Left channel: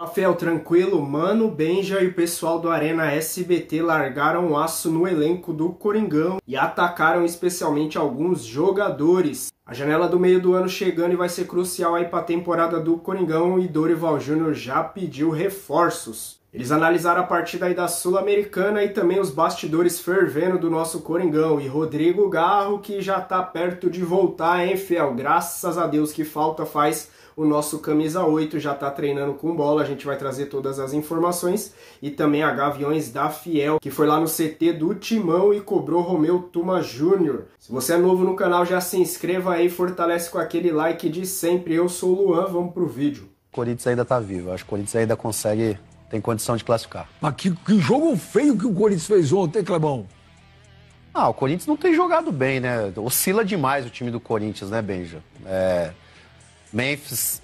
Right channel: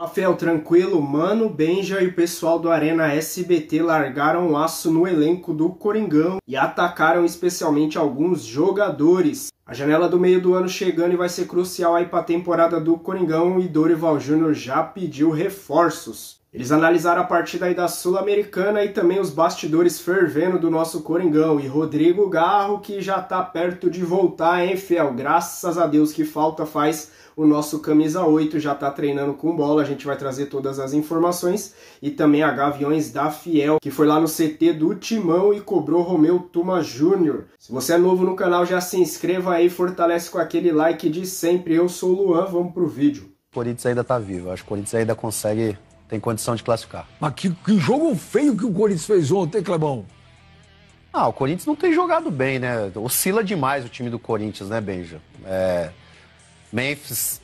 Rafael, tranquilo? Mano, Benja e o pessoal do Arena SBT largaram o aço no elenco do Coringão e atacaram especialmente alguns jogadores. A janela do meio do ano chegando e vai ser crucial aí para a temporada do Coringão e Dorival Júnior já pediu reforços. Eles analisaram a partida aí da Sul-Americana e também os bastidores fervendo do nosso Coringão. E Rodrigo Garro que já tá perto de voltar, hein, Fiel? Graças a Deus, que falta faz o nosso camisa 8, já tá treinando com bola. A gente vai trazer todas as informações. E também a Gaviões da Fiel, que foi lá no CT do Timão e cobrou Romeu Tuma Júnior. Se você é novo no canal, já se inscreva aí, fortalece com aquele like de sempre. Eu sou o Luan, vamos pro vídeo. O Corinthians ainda tá vivo, acho que o Corinthians ainda consegue... tem condição de classificar. Mas que jogo feio que o Corinthians fez ontem, Clebão? Ah, o Corinthians não tem jogado bem, né? Oscila demais o time do Corinthians, né, Benja? Memphis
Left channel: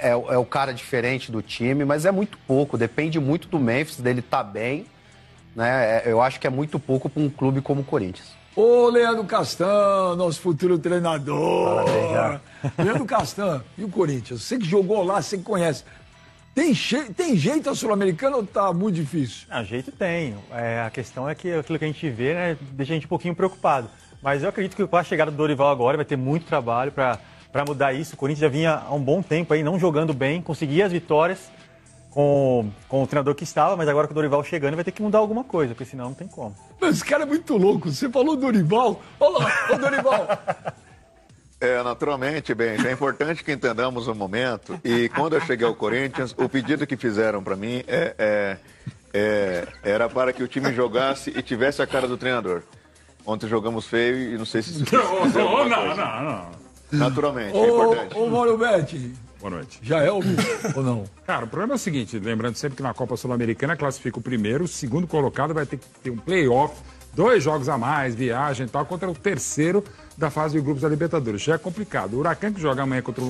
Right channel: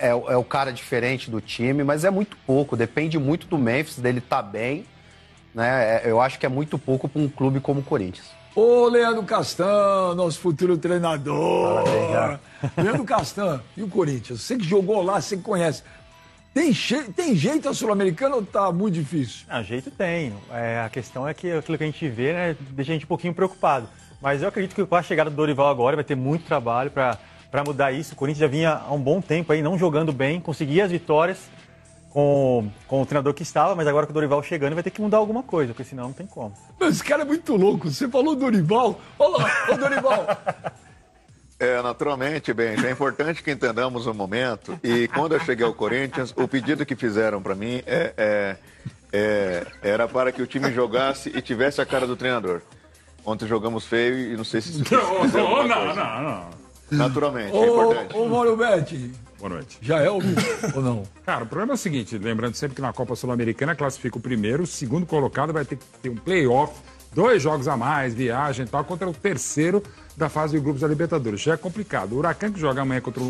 é o cara diferente do time, mas é muito pouco. Depende muito do Memphis, dele tá bem, né? Eu acho que é muito pouco para um clube como o Corinthians. Ô, Leandro Castan, nosso futuro treinador. Leandro Castan, e o Corinthians? Você que jogou lá, você que conhece. Tem jeito a Sul-Americana ou tá muito difícil? Jeito tem. A questão é que aquilo que a gente vê, né, deixa a gente um pouquinho preocupado. Mas eu acredito que com a chegada do Dorival agora vai ter muito trabalho para mudar isso. O Corinthians já vinha há um bom tempo aí não jogando bem, conseguia as vitórias com o treinador que estava, mas agora com o Dorival chegando vai ter que mudar alguma coisa, porque senão não tem como. Esse cara é muito louco. Você falou Dorival. Olha lá, ô Dorival. Naturalmente, bem, é importante que entendamos o momento. E quando eu cheguei ao Corinthians, o pedido que fizeram para mim era para que o time jogasse e tivesse a cara do treinador. Ontem jogamos feio e não sei se isso Não. Naturalmente, é importante. Ô, Mauro Betti. Boa noite. Já é o ou não? Cara, o problema é o seguinte, lembrando sempre que na Copa Sul-Americana classifica o primeiro, o segundo colocado vai ter que ter um play-off, 2 jogos a mais, viagem e tal, contra o terceiro da fase de grupos da Libertadores. Já é complicado. O Huracan, que joga amanhã contra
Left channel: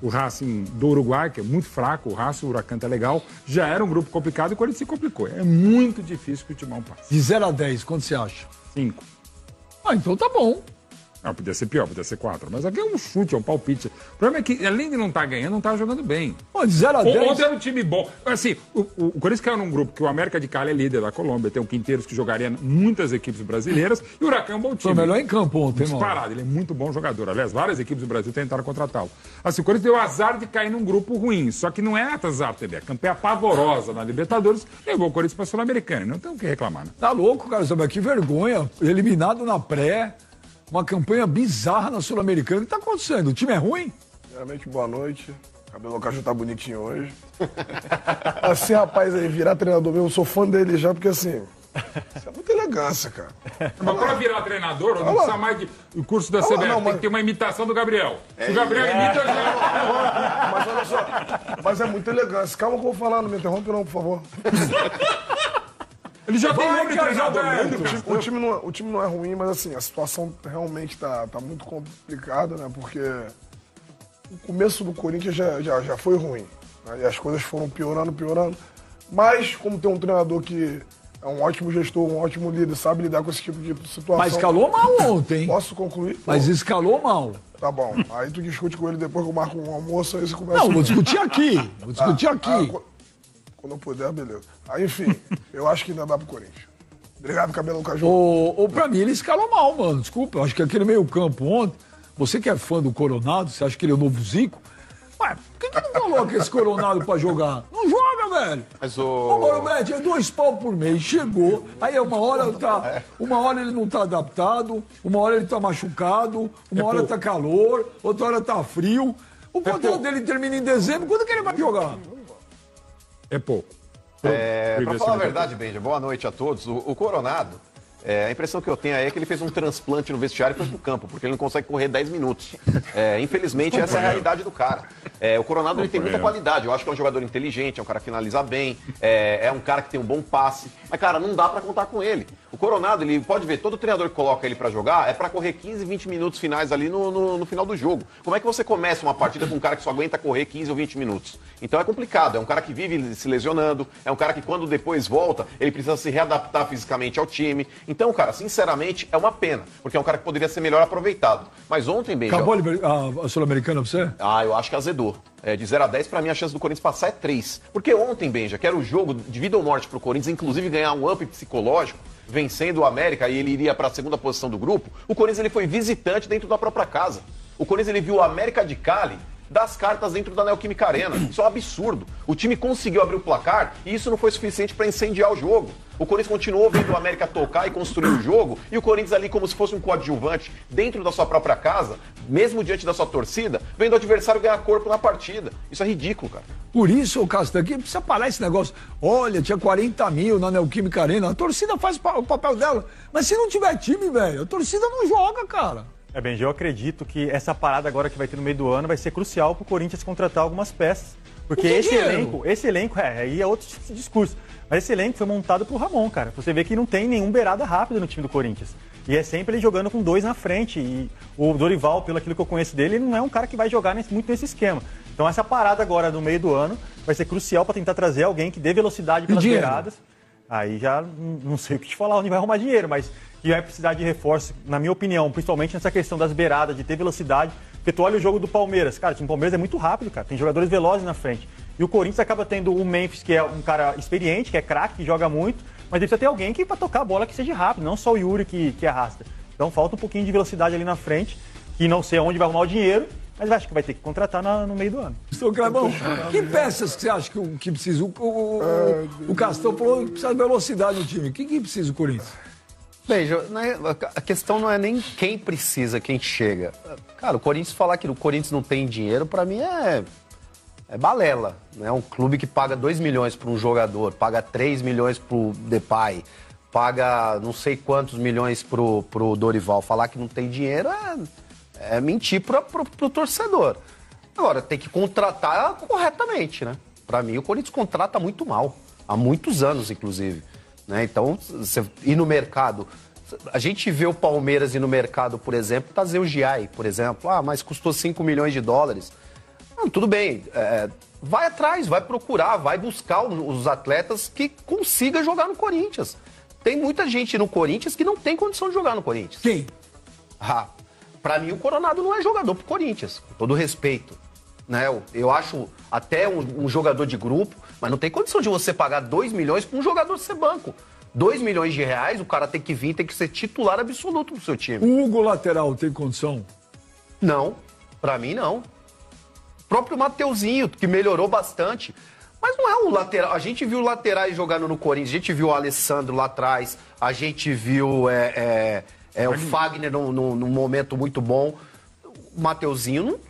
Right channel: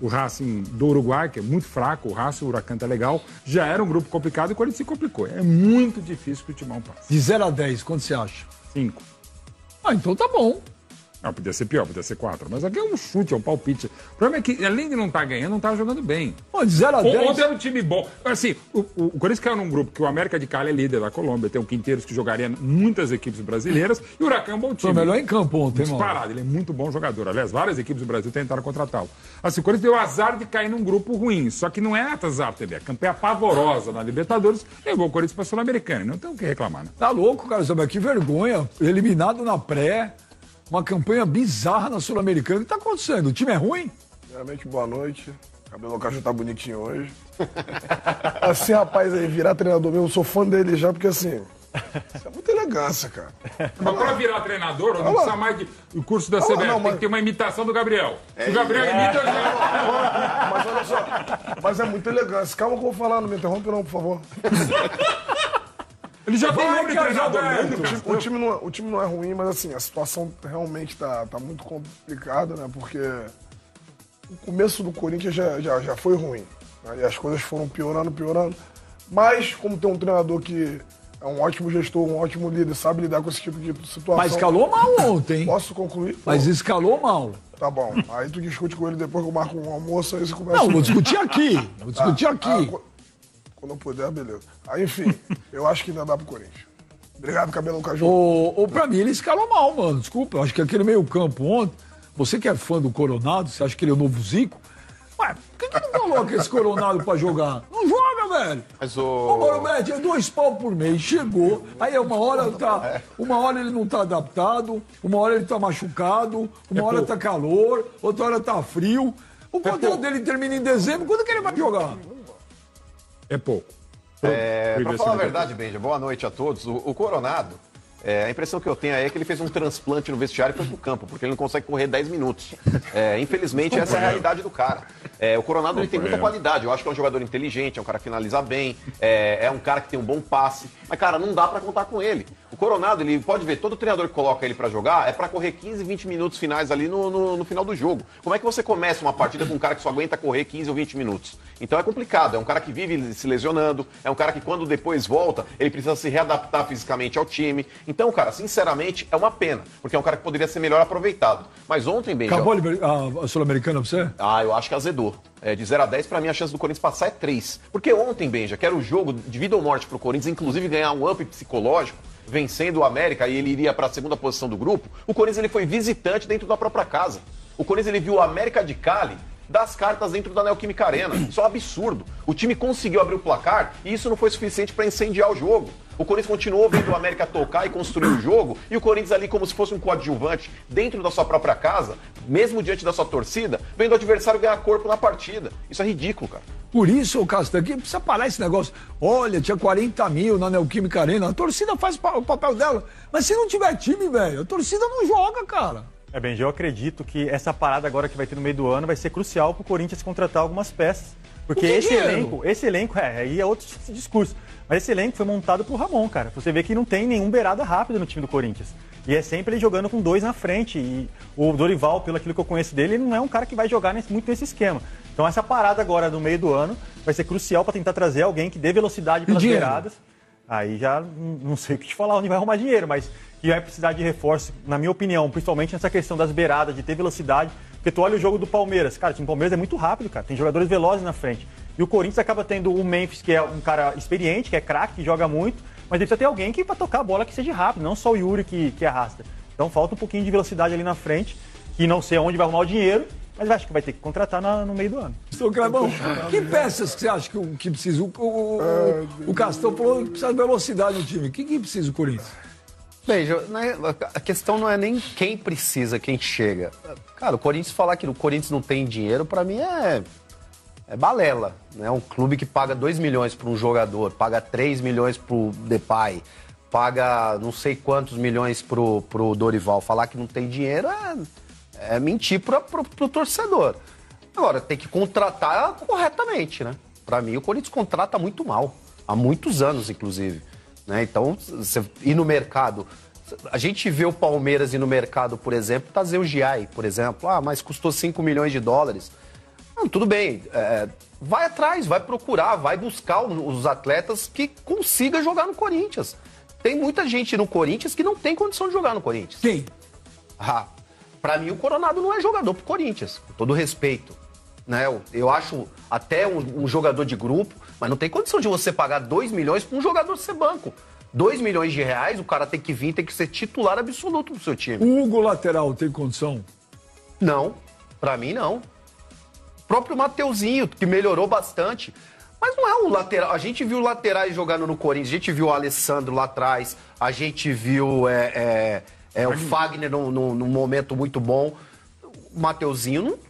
o Racing do Uruguai, que é muito fraco, o Racing, o Huracan tá legal, já era um grupo complicado e o Corinthians se complicou. É muito difícil que o Timão passe. De 0 a 10, quanto você acha? 5. Ah, então tá bom. Não, podia ser pior, podia ser 4. Mas aqui é um chute, é um palpite. O problema é que, além de não estar ganhando, não tá jogando bem. Pô, de 0 a 10... Ontem era um time bom. Assim, o Corinthians caiu num grupo que o América de Cali é líder da Colômbia, tem o Quinteiros que jogaria muitas equipes brasileiras, e o Huracan é um bom time. Foi melhor em campo ontem, mano. Disparado, ele é muito bom jogador. Aliás, várias equipes do Brasil tentaram contratá-lo. Assim, o Corinthians deu azar de cair num grupo ruim, só que não é azar, entendeu? A campanha pavorosa na Libertadores, levou o Corinthians pra Sul-Americana. Não tem o que reclamar, né? Tá louco, cara, sabe? Que vergonha. Eliminado na pré... Uma campanha bizarra na Sul-Americana. O que tá acontecendo? O time é ruim? Realmente, boa noite. O cabelo Caju tá bonitinho hoje. Assim, rapaz, aí, virar treinador mesmo, eu sou fã dele já, porque assim, isso é muita elegância, cara. Mas pra virar treinador, não precisa mais de o curso da CBF, tem que ter uma imitação do Gabriel. Se o Gabriel imita, já... Mas olha só, mas é muita elegância. Calma que eu vou falar, não me interrompa não, por favor. Ele já falou que o time não é ruim, mas assim, a situação realmente tá muito complicada, né? Porque o começo do Corinthians já foi ruim. Né? E as coisas foram piorando. Mas, como tem um treinador que é um ótimo gestor, um ótimo líder, sabe lidar com esse tipo de situação. Mas escalou mal ontem. Posso concluir? Mas escalou mal. Tá bom. Aí tu discute com ele depois que eu marco um almoço, aí você começa... Não, vou discutir aqui. Quando eu puder, beleza. Aí, enfim, eu acho que ainda dá pro Corinthians. Obrigado, Cabelo Caju. Pra mim, ele escalou mal, mano. Desculpa, eu acho que aquele meio campo ontem, você que é fã do Coronado, você acha que ele é o novo Zico? Ué, por que não coloca esse Coronado pra jogar? Não joga, velho. Mas o Mauro é 2 pau por mês, chegou, aí uma hora ele não tá adaptado, uma hora ele tá machucado, uma hora tá calor, outra hora tá frio. O contrato dele termina em dezembro, quando que ele vai jogar? É pouco. Pra falar a verdade, Benja, boa noite a todos. O Coronado, a impressão que eu tenho aí é que ele fez um transplante no vestiário e foi pro campo, porque ele não consegue correr 10 minutos. Infelizmente, essa é a realidade do cara. O Coronado ele tem muita qualidade. Eu acho que é um jogador inteligente, é um cara que finaliza bem, é um cara que tem um bom passe. Mas, cara, não dá pra contar com ele. O Coronado, ele pode ver, todo treinador que coloca ele pra jogar é pra correr 15, 20 minutos finais ali no final do jogo. Como é que você começa uma partida com um cara que só aguenta correr 15 ou 20 minutos? Então é complicado. É um cara que vive se lesionando, é um cara que quando depois volta, ele precisa se readaptar fisicamente ao time. Então, cara, sinceramente, é uma pena, porque é um cara que poderia ser melhor aproveitado. Mas ontem, Benja... Acabou a Sul-Americana pra você? Eu acho que azedou. De 0 a 10, pra mim, a chance do Corinthians passar é 3. Porque ontem, Benja, que era o jogo de vida ou morte pro Corinthians, inclusive ganhar um up psicológico, vencendo o América e ele iria para a segunda posição do grupo, o Corinthians ele foi visitante dentro da própria casa. O Corinthians ele viu o América de Cali das cartas dentro da Neoquímica Arena. Isso é um absurdo. O time conseguiu abrir o placar e isso não foi suficiente para incendiar o jogo. O Corinthians continuou vendo o América tocar e construir o jogo e o Corinthians ali como se fosse um coadjuvante dentro da sua própria casa, mesmo diante da sua torcida, vendo o adversário ganhar corpo na partida. Isso é ridículo, cara. Por isso, Castan, que precisa parar esse negócio. Olha, tinha 40 mil na Neoquímica Arena. A torcida faz o papel dela. Mas se não tiver time, velho, a torcida não joga, cara. Benji, eu acredito que essa parada agora que vai ter no meio do ano vai ser crucial para o Corinthians contratar algumas peças. Porque esse elenco, aí é outro discurso. Mas esse elenco foi montado pro Ramon, cara. Você vê que não tem nenhum beirada rápida no time do Corinthians. E é sempre ele jogando com 2 na frente. E o Dorival, pelo aquilo que eu conheço dele, ele não é um cara que vai jogar muito nesse esquema. Então essa parada agora no meio do ano vai ser crucial para tentar trazer alguém que dê velocidade pelas beiradas. Aí já não sei o que te falar onde vai arrumar dinheiro, mas que vai precisar de reforço, na minha opinião, principalmente nessa questão das beiradas, de ter velocidade. Porque tu olha o jogo do Palmeiras, cara, o time do Palmeiras é muito rápido, cara, tem jogadores velozes na frente. E o Corinthians acaba tendo o Memphis, que é um cara experiente, que é craque, que joga muito, mas precisa ter alguém que para tocar a bola que seja rápido, não só o Yuri que arrasta. Então falta um pouquinho de velocidade ali na frente, e não sei aonde vai arrumar o dinheiro, mas acho que vai ter que contratar no meio do ano. Que peças que você acha que precisa? O Castão falou que precisa de velocidade no time. O que precisa o Corinthians? Veja, a questão não é nem quem precisa, quem chega. Cara, o Corinthians falar que o Corinthians não tem dinheiro, pra mim é balela. É um clube que paga 2 milhões para um jogador, paga 3 milhões pro Depay, paga não sei quantos milhões pro Dorival. Falar que não tem dinheiro é mentir pro torcedor. Agora, tem que contratar corretamente, né? Pra mim, o Corinthians contrata muito mal. Há muitos anos, inclusive. Né? Então, você ir no mercado... A gente vê o Palmeiras ir no mercado, por exemplo, trazer o Giai, por exemplo. Mas custou 5 milhões de dólares. Não, tudo bem. Vai atrás, vai procurar, vai buscar os atletas que consiga jogar no Corinthians. Tem muita gente no Corinthians que não tem condição de jogar no Corinthians. Quem? Pra mim, o Coronado não é jogador pro Corinthians, com todo respeito. Né? Eu acho até um jogador de grupo, mas não tem condição de você pagar 2 milhões para um jogador ser banco. 2 milhões de reais, o cara tem que vir, tem que ser titular absoluto do seu time. O Hugo lateral tem condição? Não, pra mim não. O próprio Mateuzinho, que melhorou bastante. Mas não é um lateral. A gente viu laterais jogando no Corinthians, a gente viu o Alessandro lá atrás, a gente viu o Fagner num momento muito bom. O Mateuzinho,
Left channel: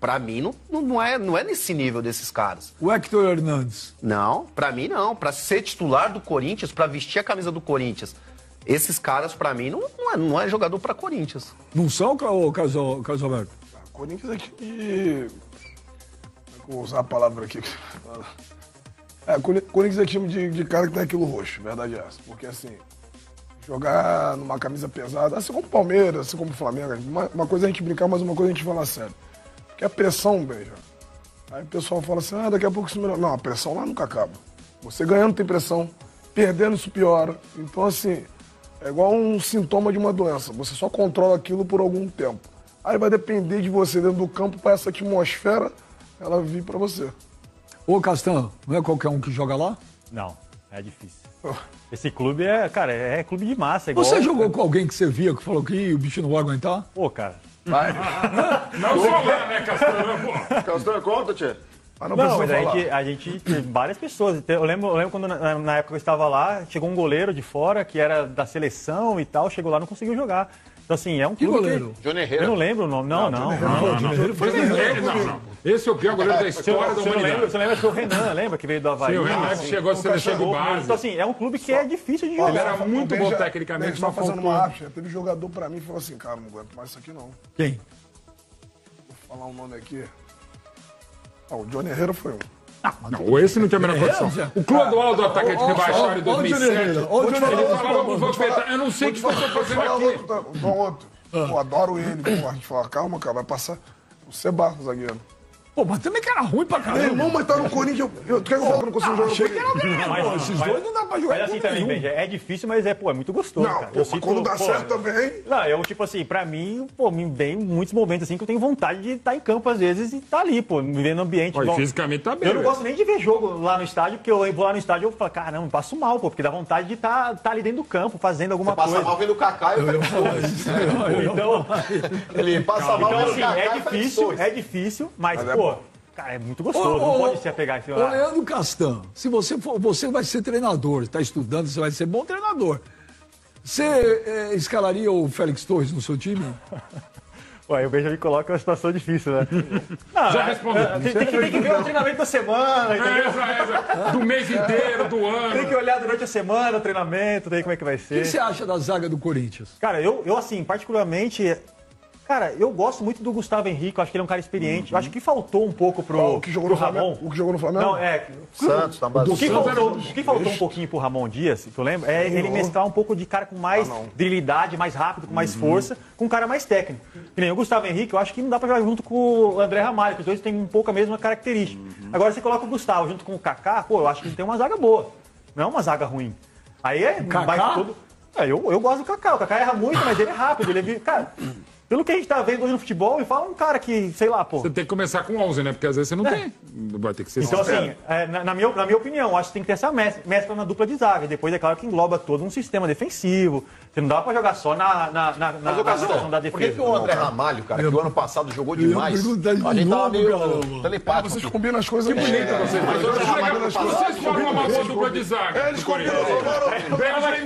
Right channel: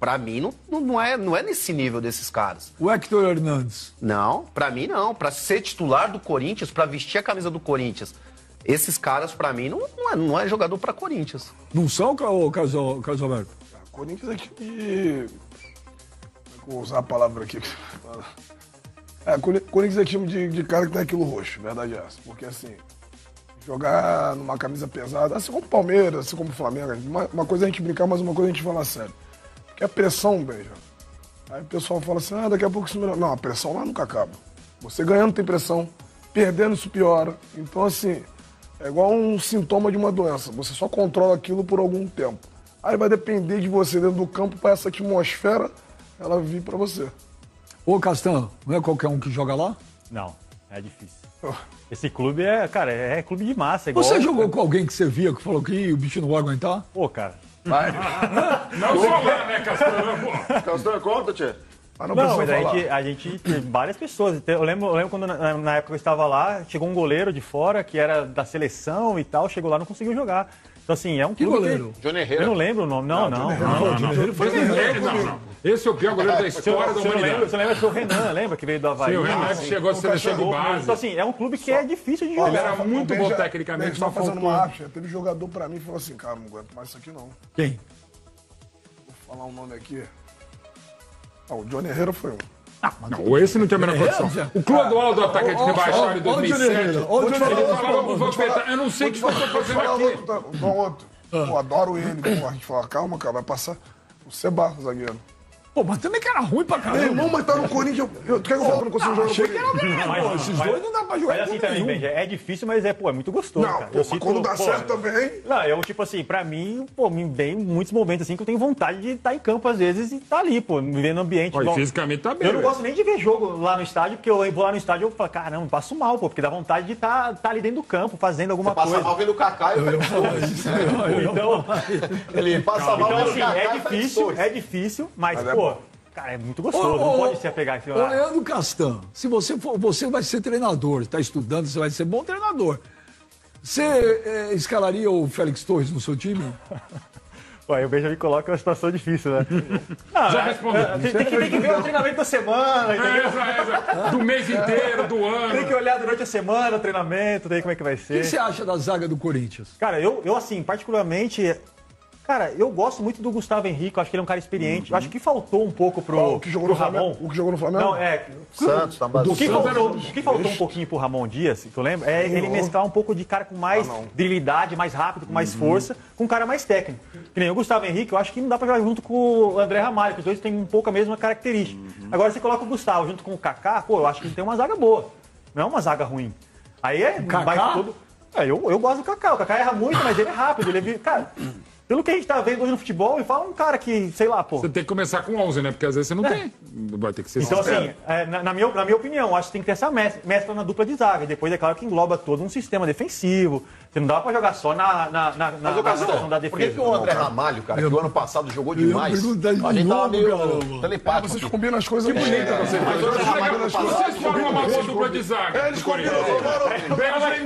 pra mim, não é nesse nível desses caras. O Hector Hernandes? Não, pra mim não. Pra ser titular do Corinthians, pra vestir a camisa do Corinthians, esses caras, pra mim, não é jogador pra Corinthians. Não são, Casalberto? Corinthians é time de... Vou usar a palavra aqui. Corinthians é time de cara que tem aquilo roxo, verdade é essa. Porque assim, jogar numa camisa pesada, assim como o Palmeiras, assim como o Flamengo, uma coisa é a gente brincar, mas uma coisa é a gente falar sério. Porque a pressão, Benja. Aí o pessoal fala assim, daqui a pouco isso melhora. Não, a pressão lá nunca acaba. Você ganhando tem pressão, perdendo isso piora. Então assim, é igual um sintoma de uma doença. Você só controla aquilo por algum tempo. Aí vai depender de você dentro do campo para essa atmosfera ela vir para você. Ô, Castan, não é qualquer um que joga lá? Não, é difícil. Esse clube é clube de massa. Você jogou com alguém que você via que falou que o bicho não vai aguentar? Pô, cara. Vai. Não só lá, né, Castan? Castan, conta, Tchê. Não, mas a gente tem várias pessoas. Eu lembro quando na época que eu estava lá, chegou um goleiro de fora que era da seleção e tal, chegou lá e não conseguiu jogar. Então, assim, é um clube. Goleiro? Johnny Herrera. Eu não lembro o nome, não. Não. Esse é o pior goleiro da história da humanidade. Você lembra que o Renan, lembra que veio do Havaí? Sim, o Renan que chegou a seleção de base. Então, assim, é um clube que é difícil de jogar. Ele era muito bom tecnicamente, só fazendo uma rápida. Teve jogador pra mim e falou assim, cara, não aguento mais isso aqui não. Quem? Vou falar um nome aqui. O Johnny Herrera foi um. Não, esse não tem a menor condição. O Clodoaldo, atacante que baixaram em 2007. Eu não sei o que você está fazendo aqui. Outro. Eu adoro ele. A gente fala, calma, cara, vai passar o Seba, zagueiro. Pô, mas também que era ruim pra Meu caramba. irmão, mas tá no Corinthians. Tu quer que eu fale que eu não consigo jogar no Achei que Corinthians? era bem, pô. Esses dois não dá pra jogar. Mas assim com também, nenhum. Benja, é difícil, mas é muito gostoso, Não, cara. pô, mas quando dá certo também. Não, eu, tipo assim, pra mim, pô, me vem muitos momentos assim que eu tenho vontade de estar em campo às vezes e tá ali, pô, me ver no ambiente. Pô, e igual- fisicamente tá bem, Eu não velho. gosto nem de ver jogo lá no estádio, porque eu vou lá no estádio e eu falo, caramba, eu passo mal, pô, porque dá vontade de estar ali dentro do campo, fazendo alguma Passa coisa. mal vendo o Kaká e o Félix Torres. Então, Ele passa mal então vendo o assim, Kaká e o Félix Torres. é difícil, mas, Mas é pô, bom. cara, é muito gostoso, não pode se apegar em cima. Ô, Leandro Castan, se você for, você vai ser treinador, está estudando, você vai ser bom treinador. Você escalaria o Félix Torres no seu time? Pô, aí o Benjamin coloca uma situação difícil, né? Não, Já respondeu. tem que ver o treinamento da semana, entendeu? Do mês inteiro, do ano. Tem que olhar durante a semana, treinamento, daí como é que vai O que ser. você acha da zaga do Corinthians? Cara, eu assim, particularmente, cara, eu gosto muito do Gustavo Henrique, eu acho que ele é um cara experiente. Eu acho que faltou um pouco pro, O que jogou no pro Ramon. Flamengo? O que jogou no Flamengo? Não, é. Santos, tá base. O que faltou um pouquinho pro Ramon Dias, tu lembra? É ele mesclar um pouco de cara com mais virilidade, mais rápido, com mais força, com um cara mais técnico. Que nem o Gustavo Henrique, eu acho que não dá pra jogar junto com o André Ramalho, que os dois têm um pouco a mesma característica. Agora você coloca o Gustavo junto com o Kaká, pô, eu acho que ele tem uma zaga boa. Não é uma zaga ruim. Aí é Kaká? tudo. Eu gosto do Kaká. O Kaká erra muito, mas ele é rápido. Ele é, cara, pelo que a gente tá vendo hoje no futebol, me fala um cara que, sei lá, pô. Você tem que começar com 11, né? Porque às vezes você não tem. Vai ter que ser Então, sincero. assim, na minha opinião, acho que tem que ter essa mescla na dupla de zaga. E depois, é claro que engloba todo um sistema defensivo. Você não dá pra jogar só na Mas o situação da Gastão, por que, defesa. que o André Ramalho, cara, que o ano passado jogou demais, perguntar de a gente tava novo, meio cara. telepático. Vocês combinam as coisas bem, cara. Mas o André Ramalho ano passado, Vocês foram uma boa dupla de zaga. Eles combinam. Bela e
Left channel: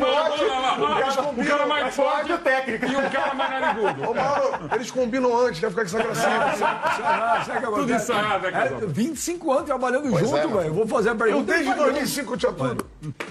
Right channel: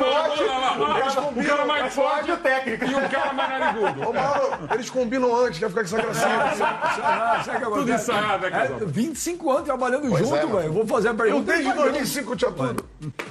o cara mais forte e o cara mais narigudo. Ô, Mauro, eles combinam antes, quer ficar com essa gracinha. Sabe o que Tudo acontece? ensaiado, né, cara? 25 anos trabalhando junto, é, velho. Eu vou fazer a Eu pergunta. desde 2005 eu tinha tudo.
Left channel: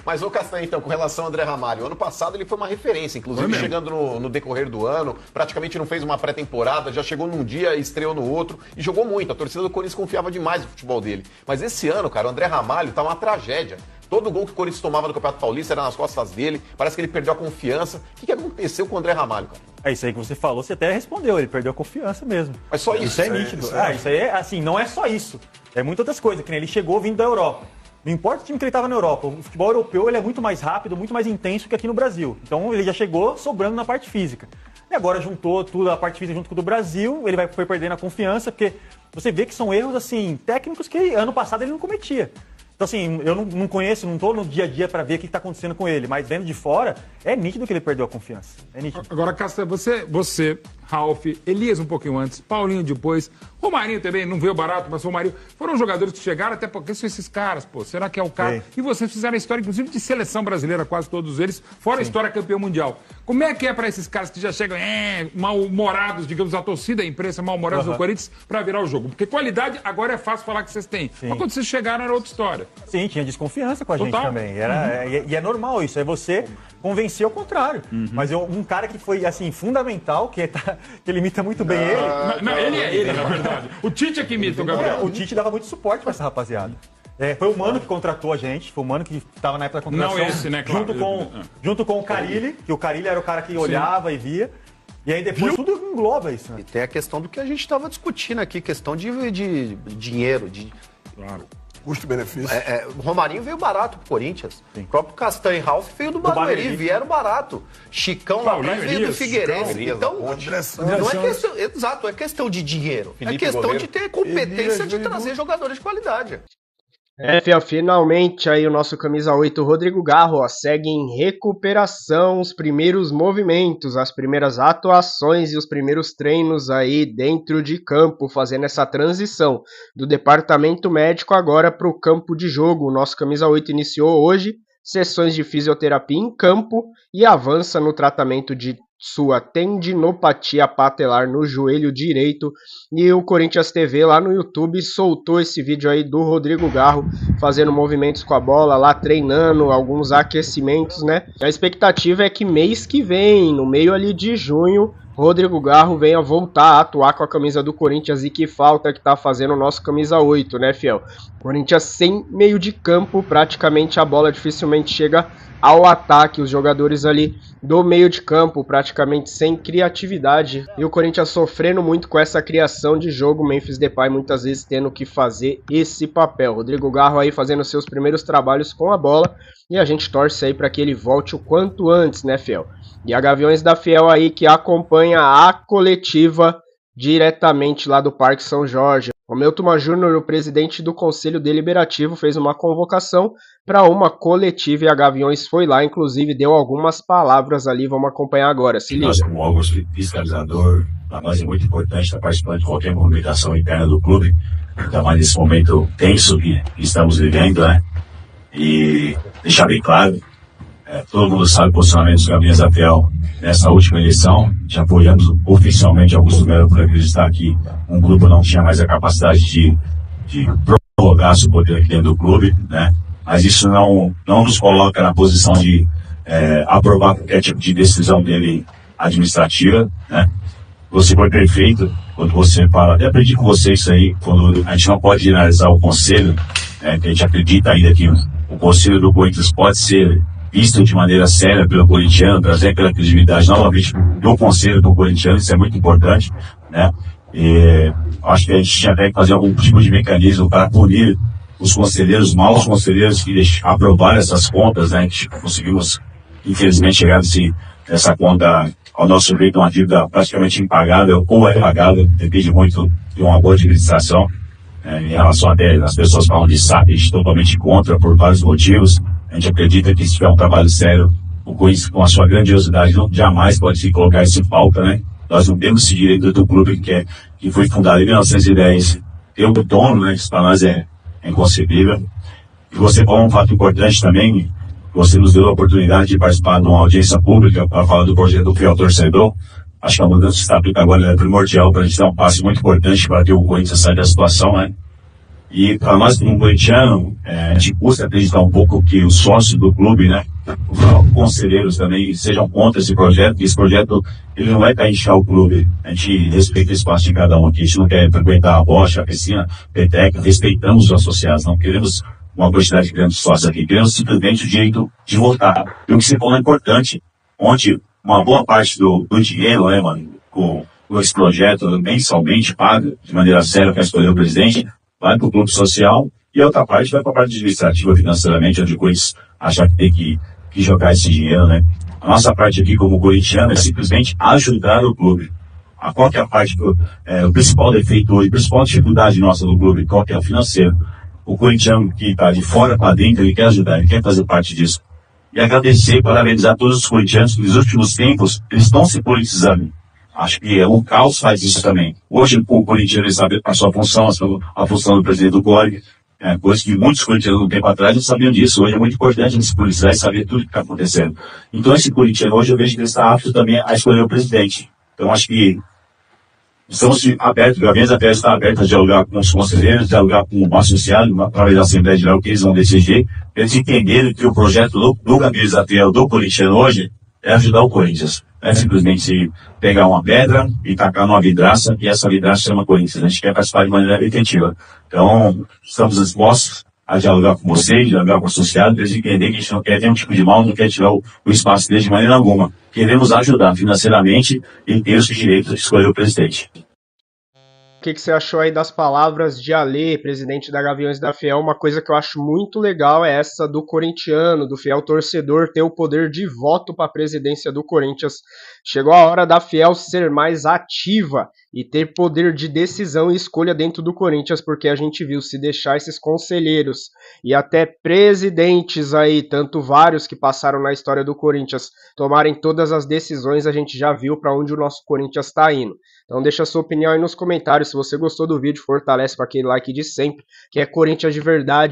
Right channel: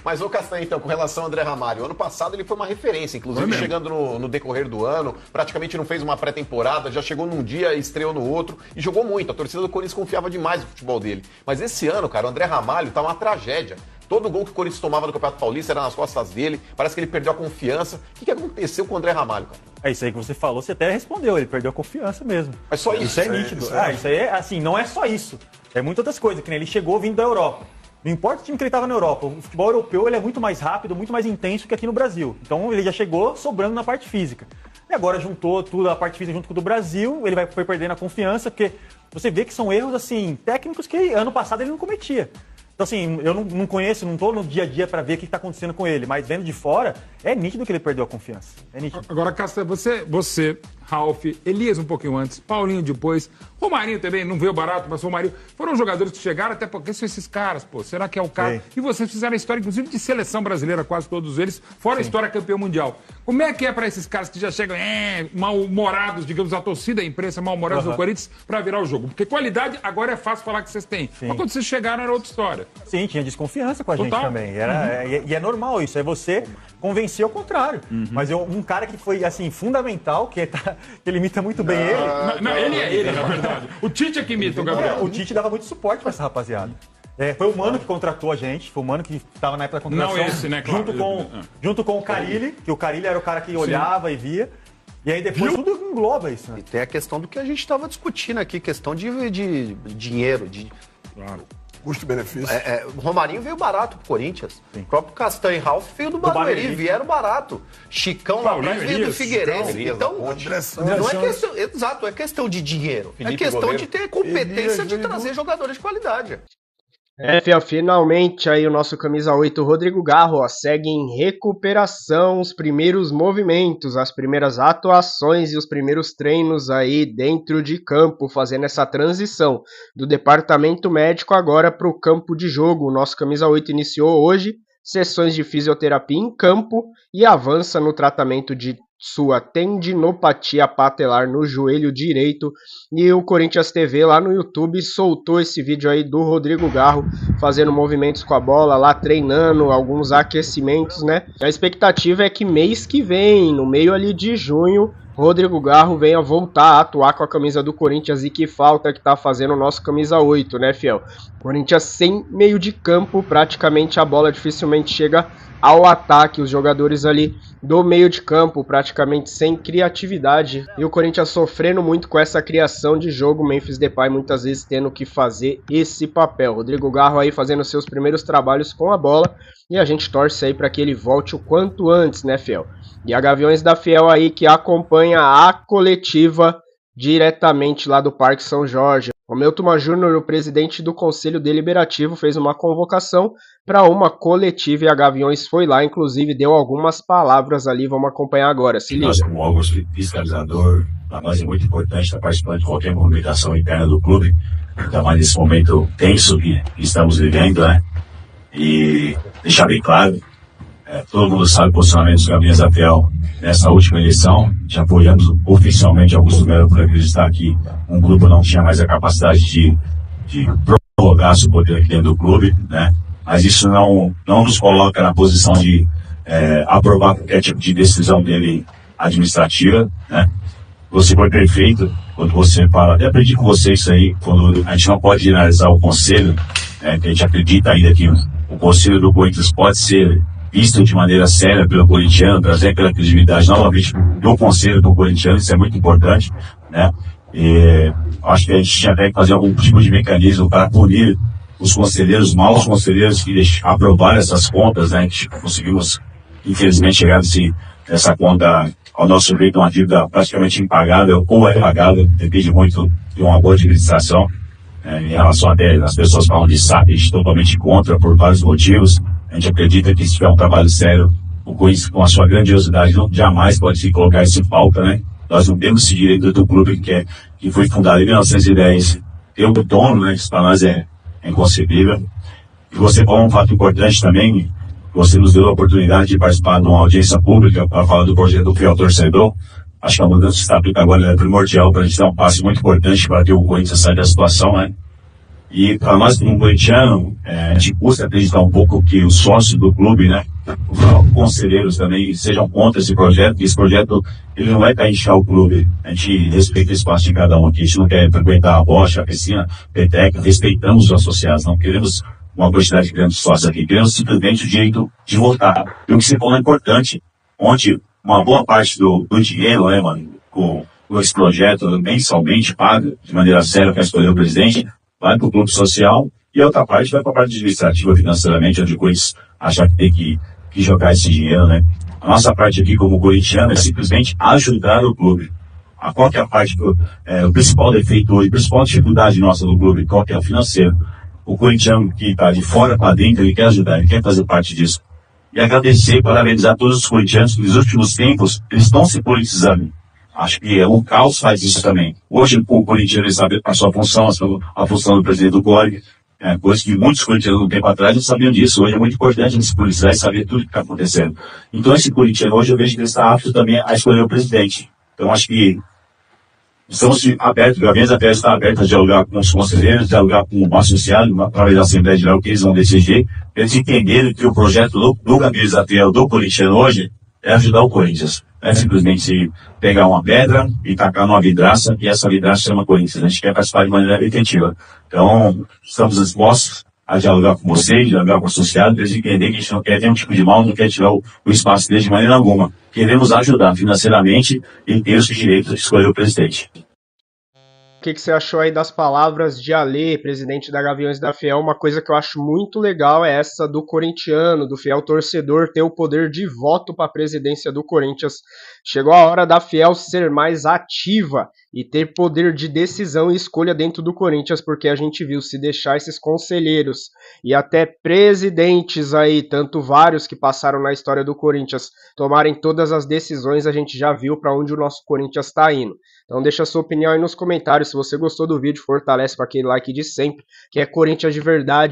Mas o Castanho, então, com relação ao André Ramalho, ano passado ele foi uma referência, inclusive chegando no decorrer do ano, praticamente não fez uma pré-temporada, já chegou num dia, estreou no outro e jogou muito. A torcida do Corinthians confiava demais no futebol dele. Mas esse ano, cara, o André Ramalho tá uma tragédia. Todo gol que o Corinthians tomava no Campeonato Paulista era nas costas dele, parece que ele perdeu a confiança. O que aconteceu com o André Ramalho, cara? É isso aí que você falou, você até respondeu, ele perdeu a confiança mesmo. Mas só isso. Isso é nítido. Isso aí é assim, não é só isso. É muitas outras coisas, que nem ele chegou vindo da Europa. Não importa o time que ele estava na Europa, o futebol europeu ele é muito mais rápido, muito mais intenso que aqui no Brasil. Então ele já chegou sobrando na parte física. E agora juntou tudo, a parte física junto com o do Brasil, ele foi perdendo a confiança, porque você vê que são erros assim técnicos que ano passado ele não cometia. Então, assim, eu não conheço, não estou no dia a dia para ver o que está acontecendo com ele, mas vendo de fora, é nítido que ele perdeu a confiança. É nítido. Agora, Castanho, você, Ralf, Elias um pouquinho antes, Paulinho depois, Romarinho também, não veio barato, mas o Romarinho, foram jogadores que chegaram, até porque são esses caras, pô, será que é o cara? Sim. E vocês fizeram a história, inclusive, de seleção brasileira, quase todos eles, fora a história campeão mundial. Como é que é para esses caras que já chegam mal-humorados, digamos, a torcida, a imprensa mal-humorados do Corinthians, para virar o jogo? Porque qualidade, agora é fácil falar que vocês têm. Mas quando vocês chegaram, era outra história. Sim, tinha desconfiança com a gente Total. também. E é normal isso, é você convencer ao contrário. Mas um cara que foi, assim, fundamental, que ele imita muito bem ele. Não, ele é ele, na verdade. O Tite é que imita o Gabriel. O Tite dava muito suporte pra essa rapaziada. Foi o Mano que contratou a gente, foi o Mano que estava na época da contratação. Não esse, né, claro. Junto com o Carilli, que o Carilli era o cara que olhava e via. E aí depois tudo engloba isso, né? E tem a questão do que a gente estava discutindo aqui, questão de dinheiro, Custo-benefício. o Romarinho veio barato pro Corinthians. O próprio Castanho e Ralf veio do Barueri. Barueri, vieram barato. Chicão lá Paulinho, veio do Elias, Figueirense. Então, não é questão, exato, é questão de dinheiro. É questão de ter competência de trazer jogadores de qualidade. Finalmente aí o nosso camisa 8 Rodrigo Garro segue em recuperação, os primeiros movimentos, as primeiras atuações e os primeiros treinos aí dentro de campo, fazendo essa transição do departamento médico agora para o campo de jogo. O nosso camisa 8 iniciou hoje sessões de fisioterapia em campo e avança no tratamento de sua tendinopatia patelar no joelho direito. E o Corinthians TV lá no YouTube soltou esse vídeo aí do Rodrigo Garro fazendo movimentos com a bola lá, treinando alguns aquecimentos, né? A expectativa é que mês que vem, no meio ali de junho, Rodrigo Garro venha voltar a atuar com a camisa do Corinthians, e que falta que tá fazendo o nosso camisa 8, né, fiel? Corinthians sem meio de campo, praticamente a bola dificilmente chega ao ataque, os jogadores ali do meio de campo praticamente sem criatividade, e o Corinthians sofrendo muito com essa criação de jogo, Memphis Depay muitas vezes tendo que fazer esse papel. Rodrigo Garro aí fazendo seus primeiros trabalhos com a bola, e a gente torce aí para que ele volte o quanto antes, né, fiel? E a Gaviões da Fiel aí que acompanha a coletiva diretamente lá do Parque São Jorge. O Milton Júnior, o presidente do Conselho Deliberativo, fez uma convocação para uma coletiva e a Gaviões foi lá, inclusive deu algumas palavras ali, vamos acompanhar agora, se liga. Nós, como órgão fiscalizador, para nós é muito importante estar participando de qualquer movimentação interna do clube, ainda mais nesse momento tenso que estamos vivendo, né? E deixar bem claro, todo mundo sabe o posicionamento dos Gaviões da Fiel nessa última eleição, já apoiamos oficialmente Augusto Melo por acreditar que um grupo não tinha mais a capacidade de prorrogar seu poder aqui dentro do clube, né? Mas isso não nos coloca na posição de aprovar qualquer tipo de decisão dele administrativa, né? Você foi perfeito quando você fala, até aprendi com você isso aí, quando a gente não pode generalizar o conselho, que a gente acredita ainda que o conselho do Corinthians pode ser visto de maneira séria pelo corintiano, trazer pela credibilidade novamente do conselho do corintiano, isso é muito importante, né? E acho que a gente tinha até que fazer algum tipo de mecanismo para punir os conselheiros, maus conselheiros que aprovaram essas contas, né? Que conseguimos, infelizmente, chegar nessa conta ao nosso ver, uma dívida praticamente impagável ou é pagável, depende muito de uma boa administração. Em relação até as pessoas falam de SAP, a gente totalmente contra por vários motivos. A gente acredita que se tiver um trabalho sério, o Corinthians, com a sua grandiosidade, não jamais pode se colocar isso em falta, né? Nós não temos esse direito do clube que foi fundado em 1910. Ter o dono, né? Isso para nós é inconcebível. E você falou um fato importante também, você nos deu a oportunidade de participar de uma audiência pública para falar do projeto do Fiel Torcedor. Acho que a mudança que está aplicando agora é primordial para a gente dar um passo muito importante para que o Corinthians saia da situação, né? E para nós, como corintiano, a gente custa acreditar um pouco que os sócios do clube, né, os conselheiros também sejam contra esse projeto, que esse projeto ele não vai para inchar o clube. A gente respeita o espaço de cada um aqui, a gente não quer frequentar a bocha, a piscina, a peteca, respeitamos os associados, não queremos uma quantidade grande de sócios aqui, queremos simplesmente o direito de votar. E o que você falou é importante, onde uma boa parte do dinheiro, né, mano, com esse projeto mensalmente paga de maneira séria para escolher o presidente, vai para o clube social e a outra parte vai para a parte administrativa financeiramente, onde o Corinthians acha que tem que jogar esse dinheiro, né? A nossa parte aqui como corintiano é simplesmente ajudar o clube. A qualquer parte, o principal defeito hoje, a principal dificuldade nossa do clube, qual que é o financeiro. O corintiano que está de fora para dentro, ele quer ajudar, ele quer fazer parte disso. E agradecer e parabenizar todos os corintianos que nos últimos tempos, eles estão se politizando. Acho que o caos faz isso também. Hoje o corintiano sabe a sua função, a função do presidente do CORG, coisa que muitos corintianos um tempo atrás não sabiam disso. Hoje é muito importante a gente se policiar e saber tudo o que está acontecendo. Então esse corintiano hoje eu vejo que ele está apto também a escolher o presidente. Então acho que estamos abertos, Gaviões da Fiel está aberto a dialogar com os conselheiros, dialogar com o associado, através da Assembleia Geral que eles vão decidir, eles entenderem que o projeto do Gaviões da Fiel, do corintiano hoje, é ajudar o Corinthians. Não é simplesmente pegar uma pedra e tacar numa vidraça, e essa vidraça chama Corinthians. A gente quer participar de maneira efetiva. Então, estamos dispostos a dialogar com vocês, dialogar com o associado, para eles entenderem que a gente não quer nenhum tipo de mal, não quer tirar o espaço deles de maneira alguma. Queremos ajudar financeiramente e ter os direitos de escolher o presidente. O que você achou aí das palavras de Alê, presidente da Gaviões da Fiel? Uma coisa que eu acho muito legal é essa do corintiano, do fiel torcedor, ter o poder de voto para a presidência do Corinthians. Chegou a hora da Fiel ser mais ativa e ter poder de decisão e escolha dentro do Corinthians, porque a gente viu, se deixar esses conselheiros e até presidentes aí, tanto vários que passaram na história do Corinthians, tomarem todas as decisões, a gente já viu para onde o nosso Corinthians está indo. Então deixa a sua opinião aí nos comentários. Se você gostou do vídeo, fortalece com aquele like de sempre, que é Corinthians de verdade.